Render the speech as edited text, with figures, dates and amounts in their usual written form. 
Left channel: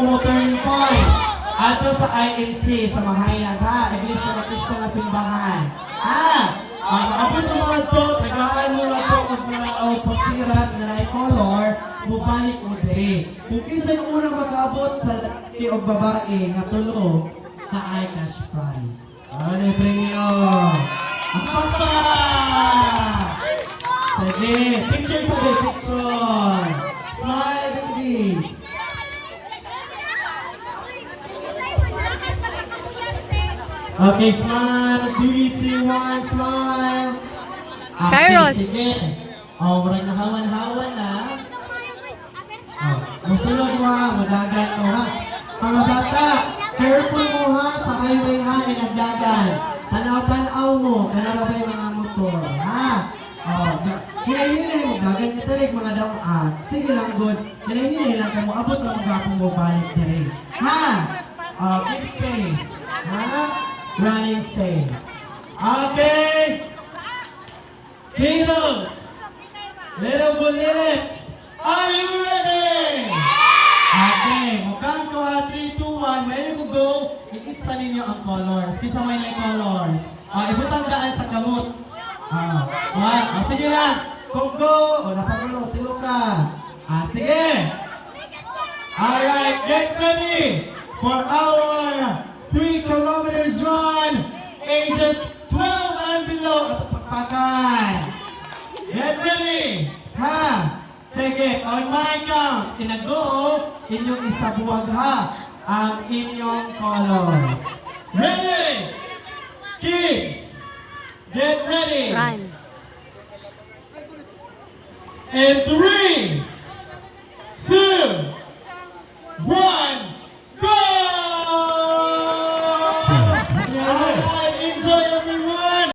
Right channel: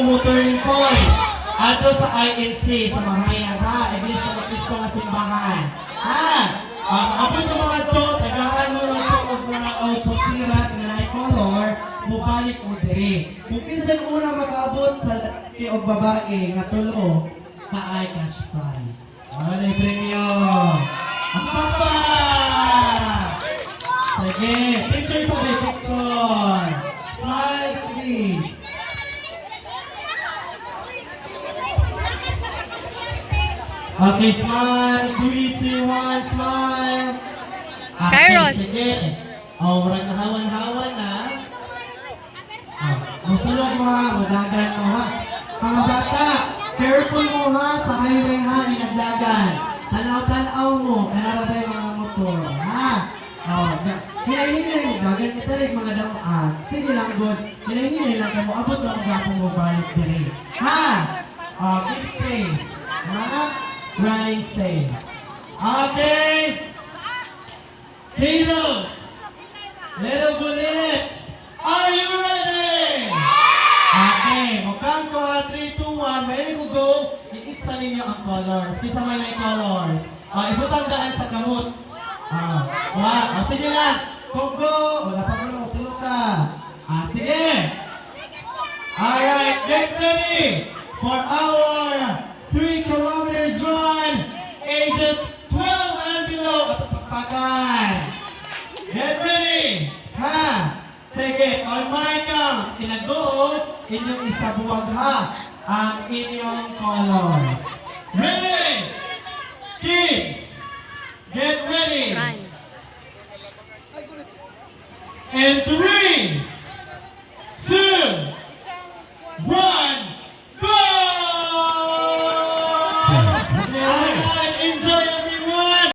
mo turning point. Ato sa INC, sa Mahayag, ha? Edition of Isko na Simbahan. Ha? Abot mo mga to, tagaan mo na to kung mga autosiras na color, mubalik mo diri. Kung kinsan unang mag-abot sa laki o babae, nga tulo, na ay cash prize. Ano yung premium? Ang papa! Sige, picture sabi, picture. Smile, please. Okay, smile. 3, 2, 1, smile. Okay, Kairos. sige. Murag na hawan-hawan na. Masulog mo ha, madagan mo ha. Mga bata, careful mo ha sa highway ha, inagdagan. Tanaw-tanaw mo, kanarabay mga motor, ha? Hinay-hinay mo, dagan ka talig mga damaan. Sige lang, good. Hinay-hinay lang ka mo, abot na magapong mo balik dire. Ha? Keep safe. Ha? Ride safe. Okay. Kilos. Little bullets. Are you ready? Okay. Mukhang ko ha, 3, 2, 1. May ko go. I-isa ninyo ang colors. Kita may na colors. Ibutang daan sa kamot. Sige na. Go. Napagano. Tilo ka. Sige. Alright. Get ready for our 3 kilometers run. Ages 12 and below. At pagpakan. Get ready. Ha. Sige. On my count. Inago. Inyong isabuwag ha. Ang inyong color. Ready? Kids. Get ready. Run. And 3, 2,